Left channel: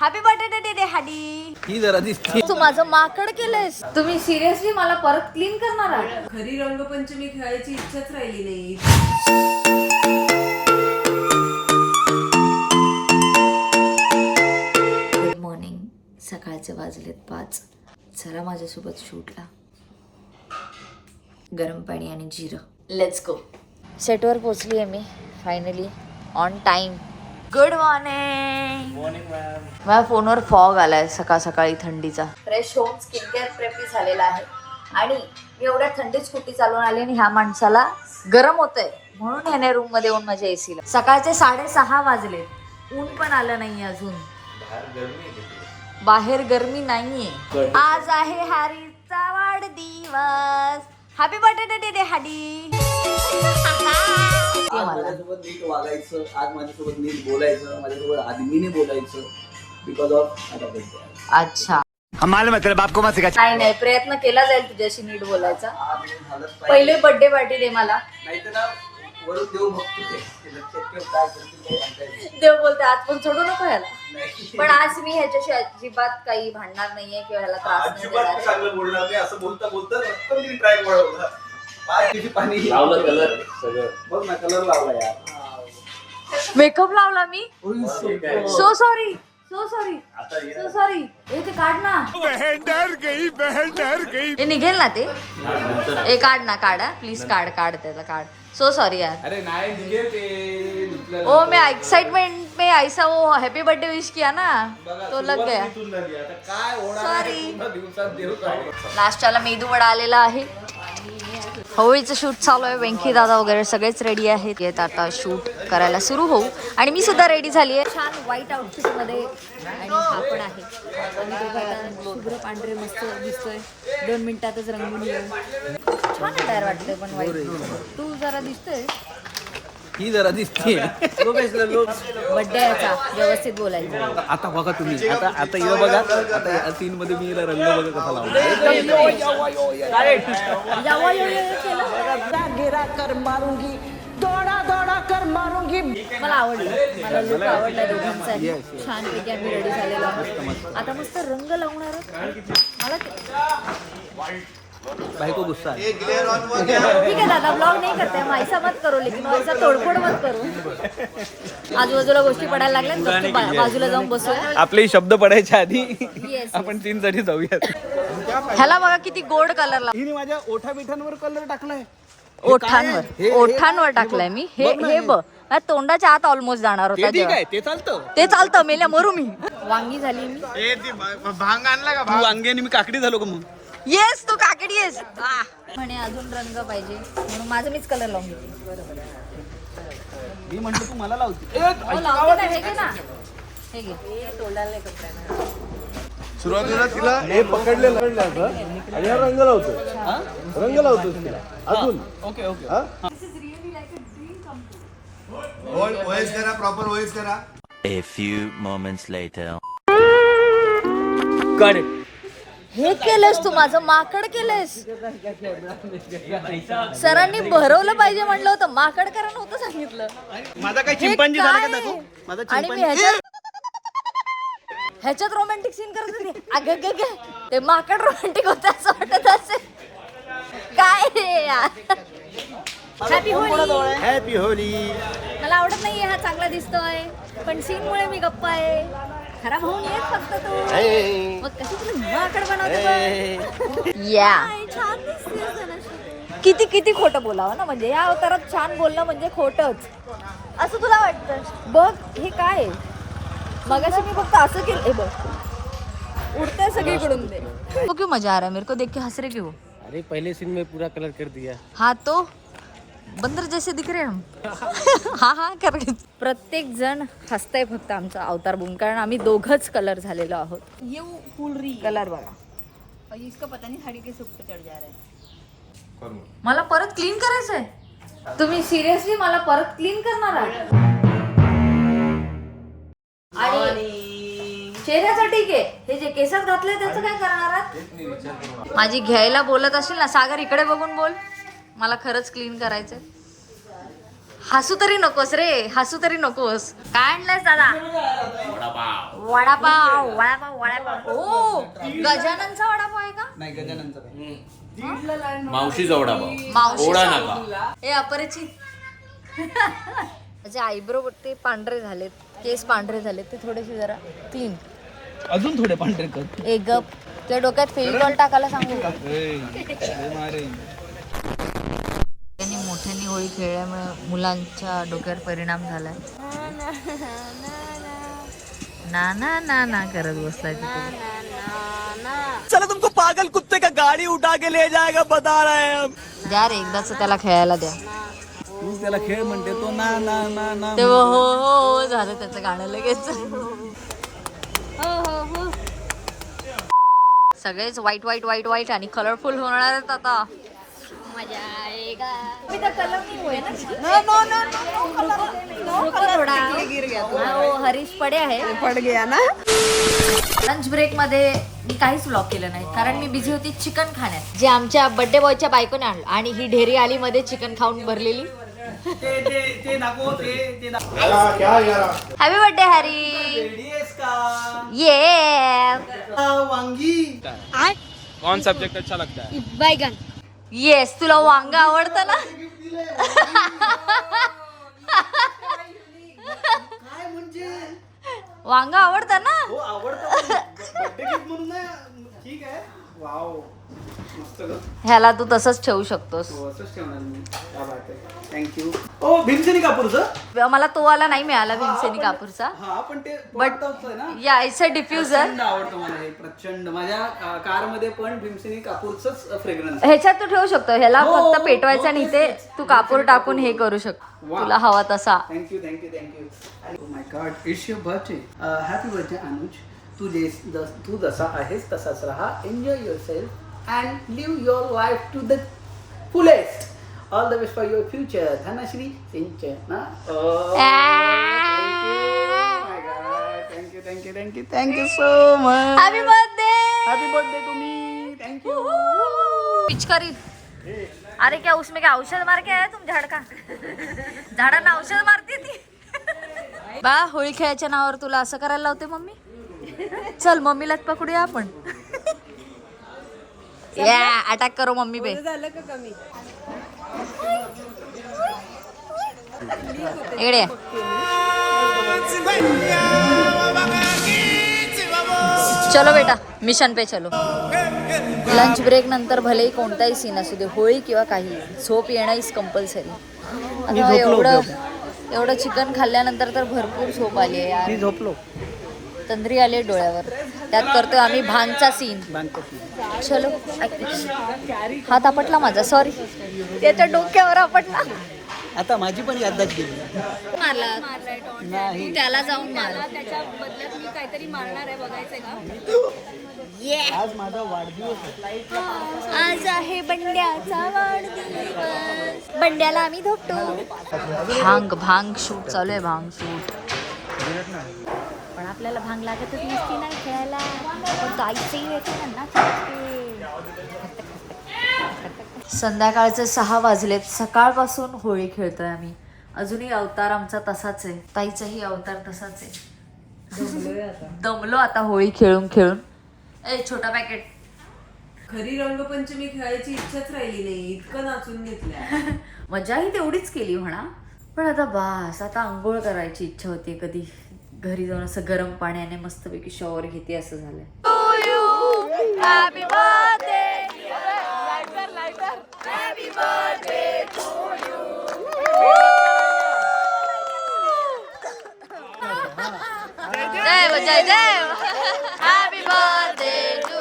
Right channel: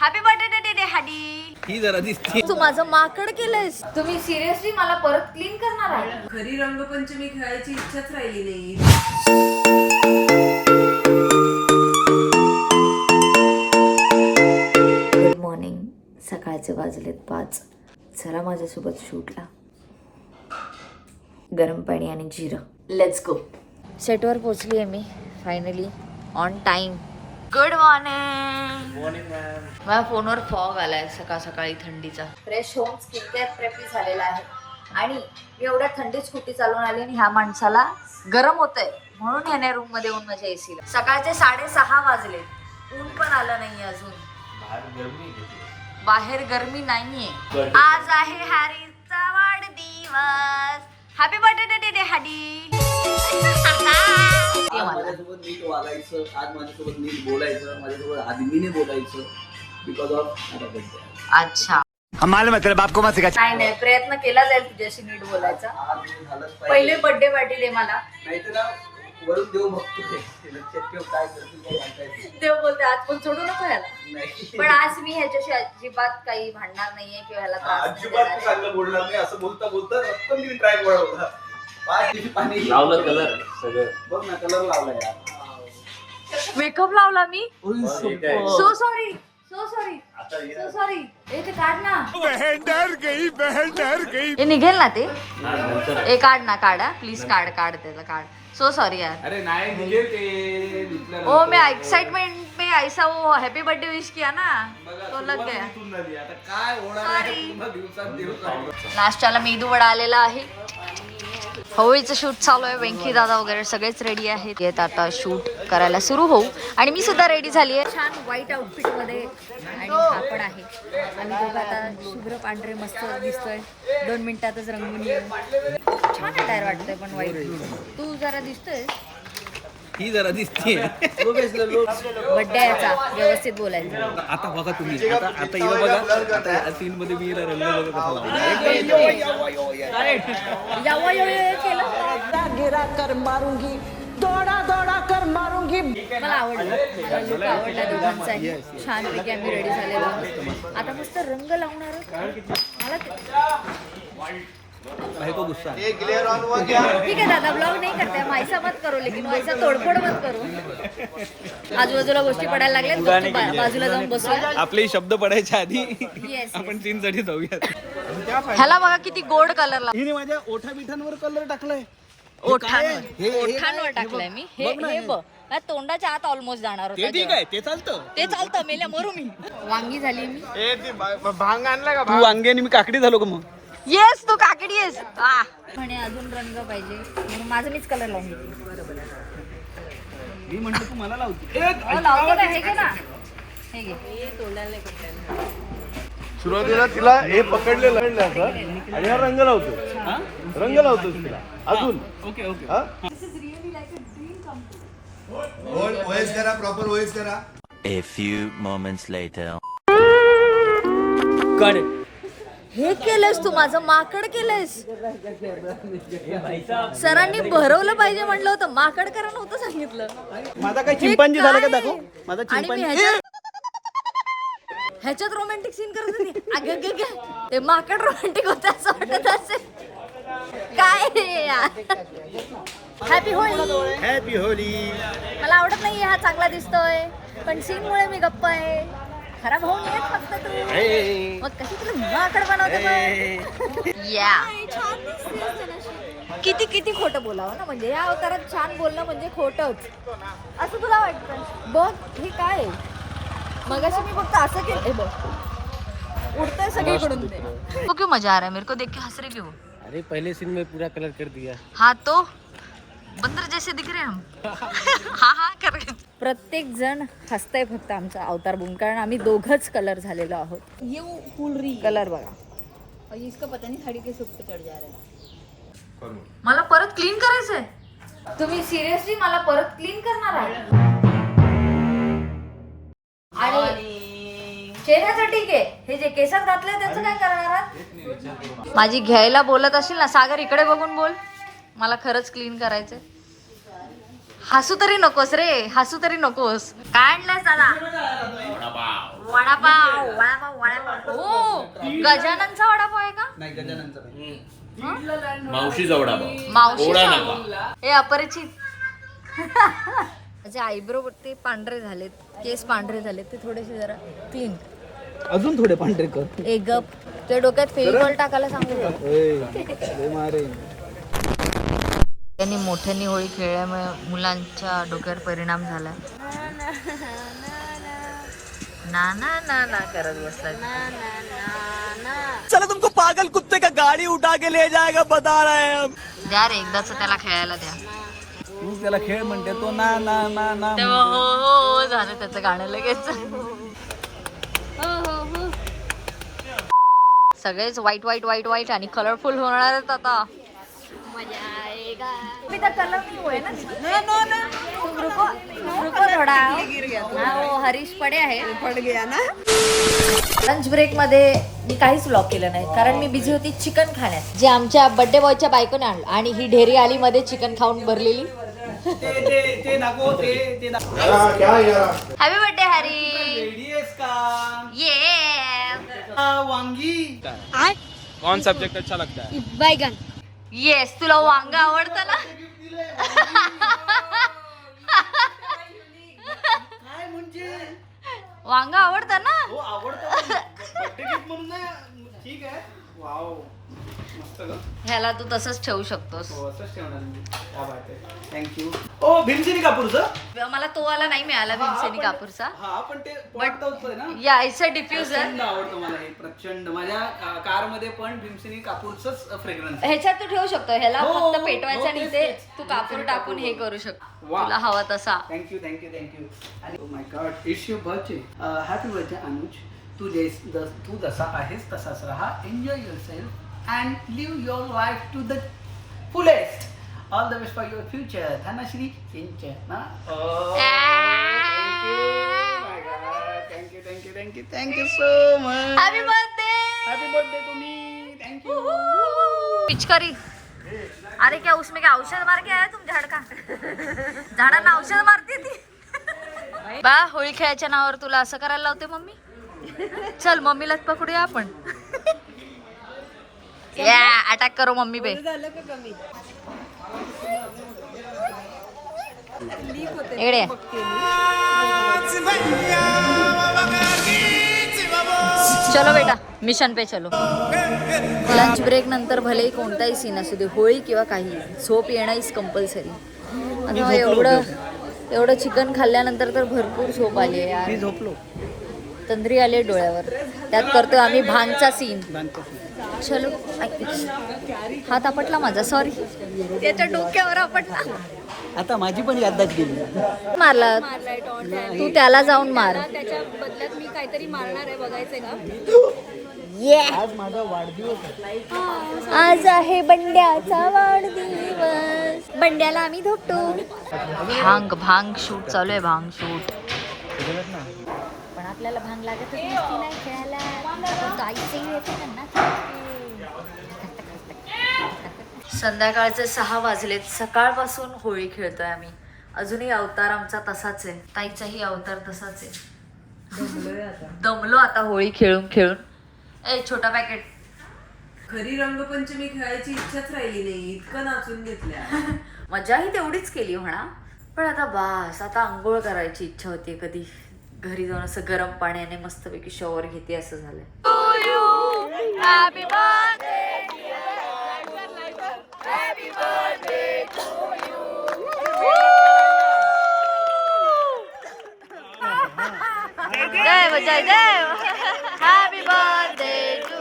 Happy birthday day हाडी. ही जरा दिसते. तू माझं माकड केलंयस. तुम्ही सिरियसली मला परत क्लीन करणार आहात? खरी रंगपंचमी खेळायची इच्छाच राहिली नाही. Good morning. सकाळचे वाजलेत 5. चला माझ्यासोबत शूटला. गरम पाणी आणि जिरं. Let's go. सेटवर पोचली आहे मी finally on time. Good morning. माझ्या फोनवर फॉग आलाय सकाळ सकाळी थंडीचा. Fresh home skin care preppy झालेला आहे आणि मी एवढ्या थंडीत स्कूटी चालवून आली आणि ह्या माणसाला गरम होतंय म्हणून ह्याने रूम मध्ये येऊन माझ्या एसीला. सकाळचे 6:30 वाजले. ऊन पण आलं नाहीये अजून. बाहेर गरमी नाहीये. आज आहे हॅरीचा वाढदिवस. हॅपी बर्थडे डे हाडी. माझ्यासोबत नीट वागायचं, आज माझ्यासोबत नीट बोलायचं, माझ्यासोबत आदमीने बोलायचं बिकॉज ऑफ माझा बर्थडे. अच्छा. हमारे मतलब आपको मत सिखा. नाही प्रयत्न केला जाईल तुझ्याशी नीट बोलायचा. पहिले बर्थडे पार्टी दे मला. नाहीतर ना वरून देऊ बघतो ते लक्षात ठेव काय करतील काय. देव बोलते आज पण सोडू नको ह्याला. नाही पण आज मी ह्याच्याशी अजिबात काही भांडणार नाहीये किंवा ह्याला त्रास नाही अजिबात देणार. चांगलं बोलणार नाही. असं बोलता बोलता रक्कम तिने ट्राय वळवला. 5 दिवशी पाणी लावलं कलर सगळं बघ ना. कलर लावला यार. मेकअप लावला मी. So so sorry so sorry. हे ते काढ ना. बहन डर गई. हे निघेल ना ते. हे काढ ना. काढा प्लीज. काढ त्याला काढ. सो सॉरी यार. अरे नाही निघेल ते धुतलं. ओ मैं एक्साइटमेंट में ऐसा वो हैप्पी बर्थडे विश किया ना तो लग गया. आता काय होणार आहे पूर्ण दिवसात देव काय. नाश्त्याला मेदू वडा आलेला आहे. होळीचं शूट चालू आहे. वेंकी दादा वगैरे सगळेच रेडी आहेत. येत आता शूट करायला सुरू होऊ. आणि मी सुद्धा रेडी झाली आहे छान व्हाईट आउटफिट मध्ये. आणि हा पण आहे. आम्ही दोघं आता शुभ्र पांढरे मस्त दिसतोय. 2 मिनिटातच रंगून येऊ. छान अटायर वाटतंय पण व्हाईट. तू जरा दिसतोय. ही जरा दिसते. बर्थडे याचा व्यवस्थित बोलायचं. आता बघा तुम्ही. आता इथं बघा. आता या सीन मध्ये मी रंग बघा कसा लावला. यावा यो केलं. गिरा कर मारूंगी, दौड़ा कर मारूंगी. मला आवडलं. मला लुक आवडला दोघांचाही. छानपैकी आम्ही रेडी झालेलो आहोत. आता मस्त रंग लावणार. मला बायको गुस्सा आहे. ठीक है दादा ब्लॉग नहीं करते हम. ऐसा मत करो लेकिन वैसा तोडफोड मत करो. आजूबाजूला गोष्टी पडायला लागल्यात. बाजूला जाऊन बसूया. आपले शब्द पडायच्या आधी येस आपण सीन साठी जाऊया. ह्याला बघा किती गोड कलर ला. हिने माझ्या ओठा बिठांवर कलर टाकलाय. ओठांवर टाकलाय मी. हे बघ. तोंडाच्या आत ऑलमोस्ट जाणार होता. ठीक आहे ते चालतं. ते चालतं. मेल्या मरू मी. वांगी झाली मी. भांग आणला का? तू वांग्याने मी काकडी झालो का मग. येस तू काकडी येस. म्हणे अजून रंग पाहिजे म्हणून माझं मीच कलर लावून घेतली. मी म्हणतो तू मला लावते. लावते ना. हे घे ना. हे घे. सुरुवातीला तिला हे पकडलेलं रंग लावतो. ओके ओएस करा. प्रॉपर ओएस करा. A few moments later. हे केलंस तू माझं माकड केलंस. सरांनी भरवलं पाहिजे म्हणलं होतं. माकड करा नव्हतं सांगितलं. माझा काही हे चिंपांजी झाला का काय? दाखव. माझा आणि मी ह्याच्यात रोमॅन्टिक सीन करत होते. अगं गे ते माकड रोमॅन्टिक होत असं वाटत असेल. काय रे यार. हॅपी होळी. हॅपी होली. मला आवडत नाहीये हा चांगला दिसतोय पण सीन मुळे मी गप्पा आहे. खराब होऊन येत फक्त तू. मग कशी तुला माकड बनवते बघ. या किती खोटं बोलावं ना. म्हणजे या अवतारात छान बोलणं म्हणजे खोटच असं तुला वाटतं. बघ हे काय मगाशी मी फक्त असं केलं. हे बघ उडतंय सगळीकडून ते. वो क्यों मजा आ रहा है मेरे को देख के हंस रहे क्यों. अरे पहले सीन में पूरा कलर कर दिया. हाँ तो बंदर जैसे दिख रहे हम. हा करके प्रत्येक जण हसतंय फक्त आमचा अवतार बघून. कारण आम्ही दोघच कलर झालेलो आहोत. ये फुल री कलर बघा. और इसका पता नहीं साड़ी के ऊपर चढ़ जा रहा है. मला परत क्लीन करायचंय. तुम्ही सिरियसली मला परत क्लीन करणार आहात. आणि चेहऱ्याचं ठीक आहे. हे जे केसात घातले त्याचं काय करणार आहात. माझी घ्यायला बोलत असेल ना सागर इकडे बघून बोल. मला खरंच क्लीन करायचंय. हसू तरी नकोस रे. हसू तरी नकोस. काय आणलंयस दादा. वडापाव वडापाव वडापाव. ओ गजाननचा वडापाव आहे का? नाही गजाननचं नाही. मावशीचा वडापाव. मावशी ओढा नका. हे अपरिचित. माझे आयब्रो ते पांढरे झालेत, केस पांढरे झालेत, ते थोडेसे जरा क्लीन. अजून थोडे पांढरे कर. एक गप. ते डोक्यात फेविकॉल टाकायला सांगू का? त्यांनी मोठ्यांनी होळी खेळल्यामुळे मुलांच्या डोक्यावर परिणाम झालाय. ना ना ना ना करत बसला. चलो तुमको पागल कुत्ते का गाड़ी उठा के ले जाएगा बता रहे हैं हम. द्या रे एकदाच त्याला खेळायला द्या. तू त्याला खेळ म्हणते तो ना ना ना ना. ते हो हो झालं त्याचं गाणं लगेच. सगळेच वाईट वाईट वाईट वाईट आणि कलरफुल होणार आहेत आता. कलर नहीं हुए ना. रुको थोडा. हाँ वो हरीश पडे आहे. पड गया ना. लंच ब्रेक मध्ये मी काहीच व्लॉग केलं नाही कारण मी बिझी होती चिकन खाण्यात, जे आमच्या बर्थडे बॉयच्या बायकोने आणलं. आणि ही ढेरी आली मध्ये चिकन खाऊन भरलेली. ते नको ते हॅपी बर्थडे हरी. ये वांगी. कौन सब्जेक्ट अच्छा लगता है? बैगन. येस तुला वांग आवडतं ना. वांग आवडतं ना. हो आवडतं. बर्थडे गिफ्ट म्हणून ना. ठीक आहे. वाव मस्त ग. ह्याला तू तसंच ठेवू शकतोस. हो असंच ठेवणार मी. क्या बात आहे. थँक्यू. ओ भीमसेनी कापूरचं. मला तो वाला नाही मिळाला भीमसेनी कापूरचा. हा पण ते पटतच ना. या इट्स अ डिफ्युजर. प्रचंड आवडतं मला हे. प्रचंड. माझ्या कार मध्ये पण भीमसेनी कापूरचंच फ्रेग्रन्स. ह्याच्यात तू ठेवू शकतो. ह्याला हो, फक्त पेटवायचं आणि हो, ते तेच. तू कापूर टाकून हे करू शकतो वा. तुला हवा तसा. Thank you thank you thank you. Oh my God it's your birthday. Happy birthday Anuj. तू जसा आहेस तसाच राहा. Enjoy yourself and live your life to the fullest. All the best for your future. Dhanashree Sinchan. Thank you thank you thank you thank you so much. Happy birthday. Happy birthday तुम्ही. Thank you. पिचकारी. अरे क्या उसमें क्या औषध मार के आया तुम झाड का? झाडांना औषध मारते ती. बा होळी खेळायच्या नावावर तुला असं करायला लावते मम्मी. चल मम्मीलाच पकडूया आपण. या अटॅक करो मम्मी पे. इकडे चलो बेटा मिशन पे चलो. लंच ब्रेक नंतर भलेही कोणताही सीन असू दे, होळी किंवा काही, झोप येणं इज कंपल्सरी. आता एवढं चिकन खाल्ल्यानंतर तर भरपूर झोप आली आहे यार. झोपलो. तंद्री आले डोळ्यावर. त्यात करतो आम्ही भांगचा सीन. चलो. हात आपटला माझा. सॉरी. त्याच्या डोक्यावर आपटला. आता माझी पण याददाच गेली. मारला तू त्याला जाऊन मार. त्याच्या बदल्यात मी काहीतरी मारणार आहे. बघायचंय का? आज माझा वाढदिवस आहे. आज आहे बंड्याचा वाढदिवस. बंड्याला आम्ही धोपतो. भांग शूट चालू आहे. भांग शूट. पण आपल्याला भांग लागतच नसती ना खेळायला. आपण तो आईचंही येतो ना. संध्याकाळचे 6 वाजलेत. सकाळपासून होळी खेळतोय आम्ही. अजूनही अवतार आमचा तसाच आहे. ताईचाही अवतार तसाच आहे. दमलो आता होळी खेळून खेळून. ए छोटा पॅकेट. खरी रंगपंचमी खेळायची इच्छाच राहिली नाही. इतकं नाचून घेतल्या. मजाही तेवढीच केली म्हणा. पण आता बास. आता आंघोळ करायची इच्छा होती. कधी घरी जाऊन असं गरम पाण्याने मस्तपैकी शॉवर घेते असं झालंय. Happy birthday. जय जय जय. Happy birthday to